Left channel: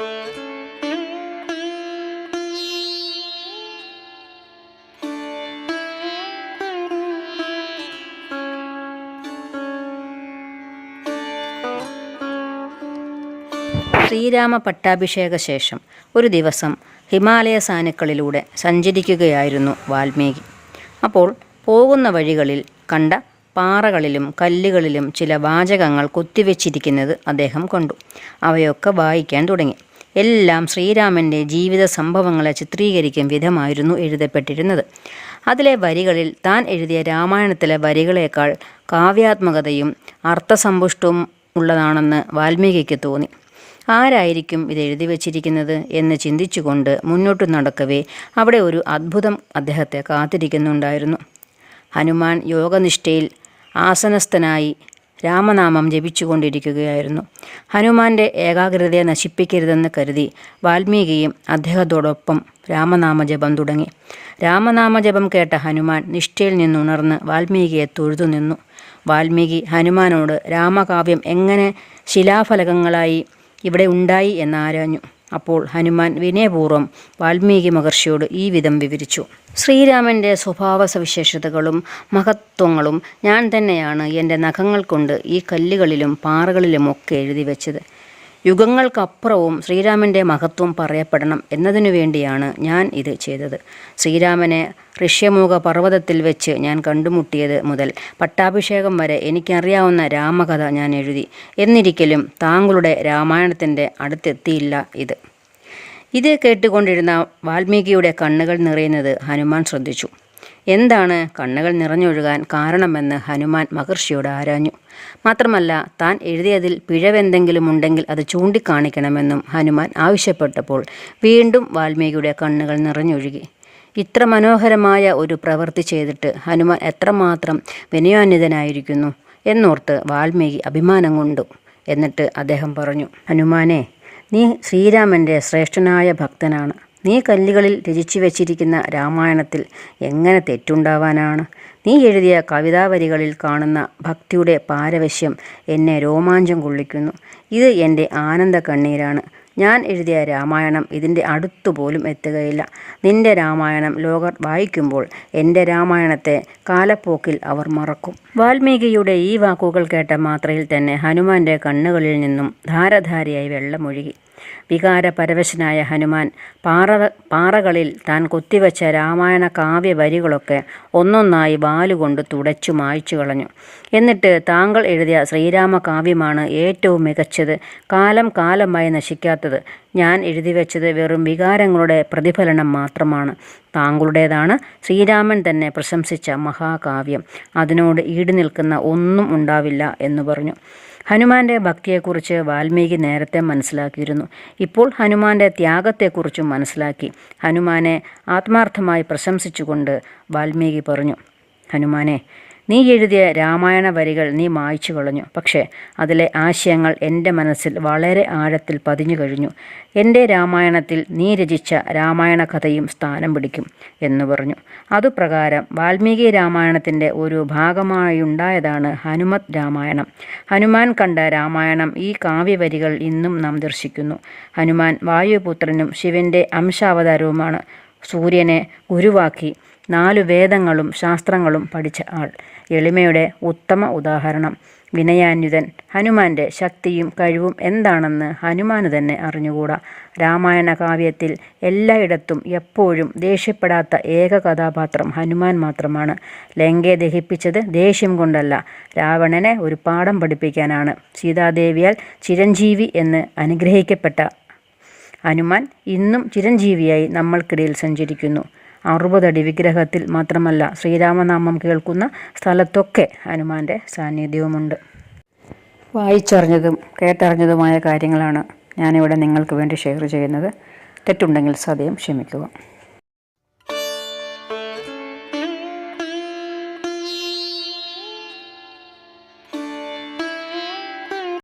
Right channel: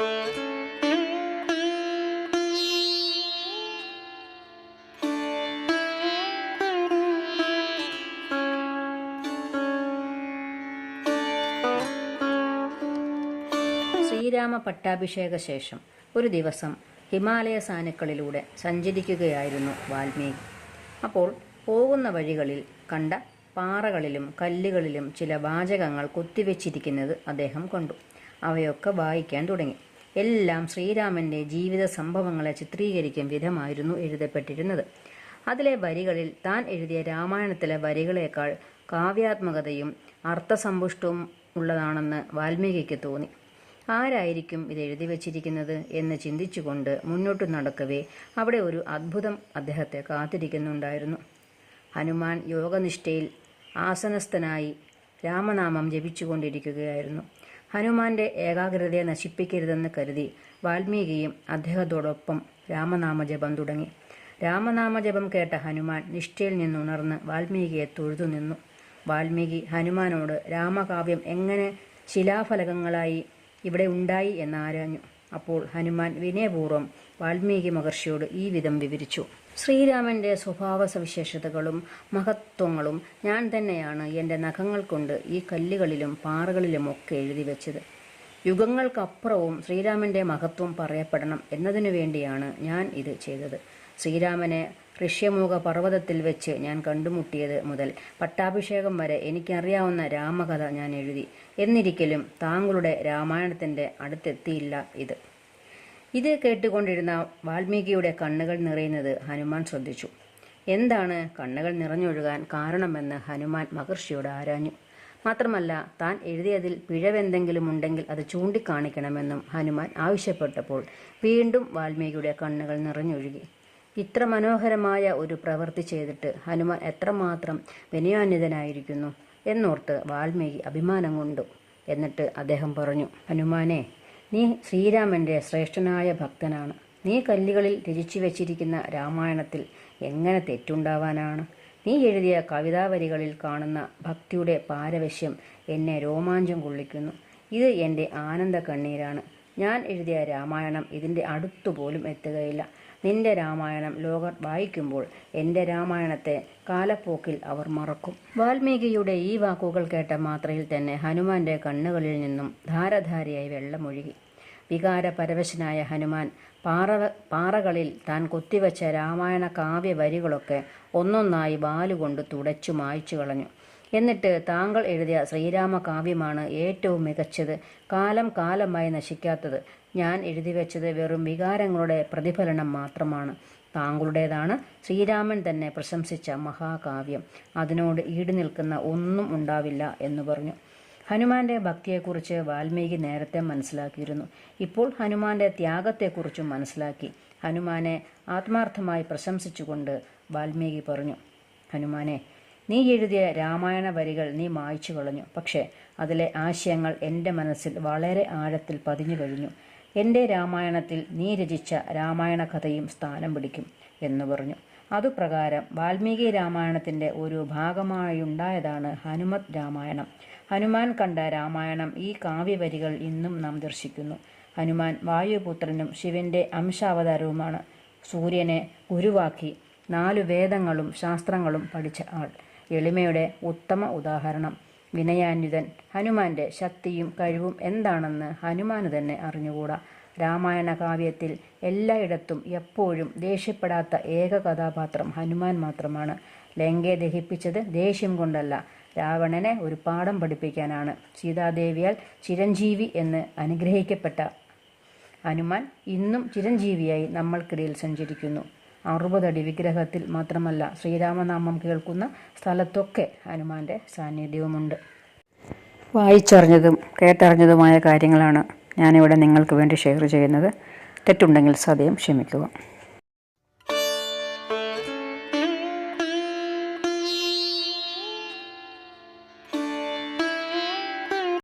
ശ്രീരാമ പട്ടാഭിഷേക ശേഷം ഒരു ദിവസം ഹിമാലയ സാനുക്കളിലൂടെ സഞ്ചരിക്കുകയായിരുന്നു വാൽമീകി. അപ്പോൾ പോകുന്ന വഴികളിൽ കണ്ട പാറകളിലും കല്ലുകളിലും ചില വാചകങ്ങൾ കൊത്തിവെച്ചിരിക്കുന്നത് അദ്ദേഹം കണ്ടു. അവയൊക്കെ വായിക്കാൻ തുടങ്ങി. എല്ലാം ശ്രീരാമന്റെ ജീവിത സംഭവങ്ങളെ ചിത്രീകരിക്കും വിധമായിരുന്നു എഴുതപ്പെട്ടിരുന്നത്. അതിലെ വരികളിൽ താൻ എഴുതിയ രാമായണത്തിലെ വരികളേക്കാൾ കാവ്യാത്മകതയും അർത്ഥസമ്പുഷ്ടവും ഉള്ളതാണെന്ന് വാൽമീകിക്ക് തോന്നി. ആരായിരിക്കും ഇത് എഴുതി വച്ചിരിക്കുന്നത് എന്ന് ചിന്തിച്ചുകൊണ്ട് മുന്നോട്ട് നടക്കവേ അവിടെ ഒരു അത്ഭുതം അദ്ദേഹത്തെ കാത്തിരിക്കുന്നുണ്ടായിരുന്നു. ഹനുമാൻ യോഗനിഷ്ഠയിൽ ആസനസ്ഥനായി രാമനാമം ജപിച്ചുകൊണ്ടിരിക്കുകയായിരുന്നു. ഹനുമാന്റെ ഏകാഗ്രതയെ നശിപ്പിക്കരുതെന്ന് കരുതി വാൽമീകിയും അദ്ദേഹത്തോടൊപ്പം രാമനാമജപം തുടങ്ങി. രാമനാമജപം കേട്ട ഹനുമാൻ നിഷ്ഠയിൽ നിന്നുണർന്ന് വാൽമീകിയെ തൊഴുതു നിന്നു. വാൽമീകി ഹനുമാനോട് രാമകാവ്യം എങ്ങനെ ശിലാഫലകങ്ങളായി ഇവിടെ ഉണ്ടായി എന്നാരാഞ്ഞു അപ്പോൾ ഹനുമാൻ വിനയപൂർവം വാൽമീകി മഹർഷിയോട് ഈ വിധം വിവരിച്ചു. ശ്രീരാമന്റെ സ്വഭാവ സവിശേഷതകളും മഹത്വങ്ങളും ഞാൻ തന്നെയാണ് എന്റെ നഖങ്ങൾ കൊണ്ട് ഈ കല്ലുകളിലും പാറകളിലുമൊക്കെ എഴുതി വെച്ചത്. യുഗങ്ങൾക്കപ്പുറവും ശ്രീരാമന്റെ മഹത്വം പറയപ്പെടണം എന്നതിനു വേണ്ടിയാണ് ഞാൻ ഇത് ചെയ്തത്. ശ്രീരാമനെ ഋഷ്യമുഖ പർവതത്തിൽ വെച്ച് ഞാൻ കണ്ടുമുട്ടിയത് മുതൽ പട്ടാഭിഷേകം വരെ എനിക്കറിയാവുന്ന രാമകഥ ഞാൻ എഴുതി. എന്നിരിക്കലും താങ്കളുടെ രാമായണത്തിന്റെ അടുത്തെത്തിയില്ല ഇത്. ഇത് കേട്ടുകൊണ്ടിരുന്ന വാൽമീകിയുടെ കണ്ണുകൾ നിറയുന്നത് ഹനുമാൻ ശ്രദ്ധിച്ചു. എന്താണ് കണ്ണുകൾ നിറഞ്ഞൊഴുകാൻ കാരണമെന്ന് ഹനുമാൻ മഹർഷിയോട് ആരാഞ്ഞു. മാത്രമല്ല താൻ എഴുതിയതിൽ പിഴവെന്തെങ്കിലും ഉണ്ടെങ്കിൽ അത് ചൂണ്ടിക്കാണിക്കണമെന്നും ഹനുമാൻ ആവശ്യപ്പെട്ടപ്പോൾ വീണ്ടും വാൽമീകിയുടെ കണ്ണുകൾ നിറഞ്ഞൊഴുകി. ഇത്ര മനോഹരമായ ഒരു പ്രവൃത്തി ചെയ്തിട്ട് ഹനുമാൻ എത്രമാത്രം വിനയാന്വിതനായിരിക്കുന്നു എന്നോർത്ത് വാൽമീകി അഭിമാനം കൊണ്ടു. എന്നിട്ട് അദ്ദേഹം പറഞ്ഞു ഹനുമാനെ നീ ശ്രീരാമന്റെ ശ്രേഷ്ഠനായ ഭക്തനാണ്. നീ കല്ലുകളിൽ രചിച്ചു വച്ചിരിക്കുന്ന രാമായണത്തിൽ എങ്ങനെ തെറ്റുണ്ടാവാനാണ്? നീ എഴുതിയ കവിതാവരികളിൽ കാണുന്ന ഭക്തിയുടെ പാരവശ്യം എന്നെ രോമാഞ്ചം കൊള്ളിക്കുന്നു. ഇത് എന്റെ ആനന്ദ കണ്ണീരാണ്. ഞാൻ എഴുതിയ രാമായണം ഇതിന്റെ അടുത്തുപോലും എത്തുകയില്ല. നിന്റെ രാമായണം ലോകർ വായിക്കുമ്പോൾ എന്റെ രാമായണത്തെ കാലപ്പോക്കിൽ അവർ മറക്കും. വാൽമീകിയുടെ ഈ വാക്കുകൾ കേട്ട മാത്രയിൽ തന്നെ ഹനുമാന്റെ കണ്ണുകളിൽ നിന്നും ധാരധാരയായി വെള്ളമൊഴുകി. വികാരപരവശനായ ഹനുമാൻ. പാറ പാറകളിൽ താൻ കൊത്തിവെച്ച രാമായണ കാവ്യ വരികളൊക്കെ ഒന്നൊന്നായി വാലുകൊണ്ട് തുടച്ചു മായ്ച്ചു കളഞ്ഞു. എന്നിട്ട് താങ്കൾ എഴുതിയ ശ്രീരാമ കാവ്യമാണ് ഏറ്റവും മികച്ചത്. കാലം കാലമായി നശിക്കാത്തത്. ഞാൻ എഴുതി വെച്ചത് വെറും വികാരങ്ങളുടെ പ്രതിഫലനം മാത്രമാണ്. താങ്കളുടേതാണ് ശ്രീരാമൻ തന്നെ പ്രശംസിച്ച മഹാകാവ്യം. അതിനോട് ഈട് നിൽക്കുന്ന ഒന്നും ഉണ്ടാവില്ല എന്ന് പറഞ്ഞു. ഹനുമാന്റെ ഭക്തിയെക്കുറിച്ച് വാൽമീകി നേരത്തെ മനസ്സിലാക്കിയിരുന്നു. ഇപ്പോൾ ഹനുമാന്റെ ത്യാഗത്തെക്കുറിച്ചും മനസ്സിലാക്കി. ഹനുമാനെ ആത്മാർത്ഥമായി പ്രശംസിച്ചുകൊണ്ട് വാൽമീകി പറഞ്ഞു ഹനുമാനെ നീ എഴുതിയ രാമായണ വരികൾ നീ മായ്ച്ചു കളഞ്ഞു. പക്ഷേ അതിലെ ആശയങ്ങൾ എന്റെ മനസ്സിൽ വളരെ ആഴത്തിൽ പതിഞ്ഞു കഴിഞ്ഞു. എന്റെ രാമായണത്തിൽ നീ രചിച്ച രാമായണ കഥയും സ്ഥാനം പിടിക്കും എന്ന് പറഞ്ഞു. അതുപ്രകാരം വാൽമീകി രാമായണത്തിന്റെ ഒരു ഭാഗമായുണ്ടായതാണ് ഹനുമത് രാമായണം. ഹനുമാൻ കണ്ട രാമായണം ഈ കാവ്യവരികൾ ഇന്നും നാം ദർശിക്കുന്നു. ഹനുമാൻ വായുപുത്രനും ശിവന്റെ അംശാവതാരവുമാണ്. സൂര്യനെ ഗുരുവാക്കി നാലു വേദങ്ങളും ശാസ്ത്രങ്ങളും പഠിച്ച ആൾ. എളിമയുടെ ഉത്തമ ഉദാഹരണം. വിനയാന്യുതൻ ഹനുമാന്റെ ശക്തിയും കഴിവും എന്താണെന്ന് ഹനുമാന് തന്നെ അറിഞ്ഞുകൂടാ. രാമായണ കാവ്യത്തിൽ എല്ലായിടത്തും എപ്പോഴും ദേഷ്യപ്പെടാത്ത ഏക കഥാപാത്രം ഹനുമാൻ മാത്രമാണ്. ലങ്കയെ ദഹിപ്പിച്ചത് ദേഷ്യം കൊണ്ടല്ല രാവണനെ ഒരു പാഠം പഠിപ്പിക്കാനാണ്. സീതാദേവിയാൽ ചിരഞ്ജീവി എന്ന് അനുഗ്രഹിക്കപ്പെട്ട ഹനുമാൻ ഇന്നും ചിരഞ്ജീവിയായി നമ്മൾക്കിടയിൽ സഞ്ചരിക്കുന്നു. അറുപതടി വിഗ്രഹത്തിൽ മാത്രമല്ല ശ്രീരാമനാമം കേൾക്കുന്ന സ്ഥലത്തൊക്കെ ഹനുമാന്റെ സാന്നിധ്യവുമുണ്ട്. വായിച്ചറിഞ്ഞതും കേട്ടറിഞ്ഞതുമായ കാര്യങ്ങളാണ് ഞാനിവിടെ നിങ്ങൾക്ക് വേണ്ടി ഷെയർ ചെയ്യുന്നത്. തെറ്റുണ്ടെങ്കിൽ സദയം ക്ഷമിക്കുക.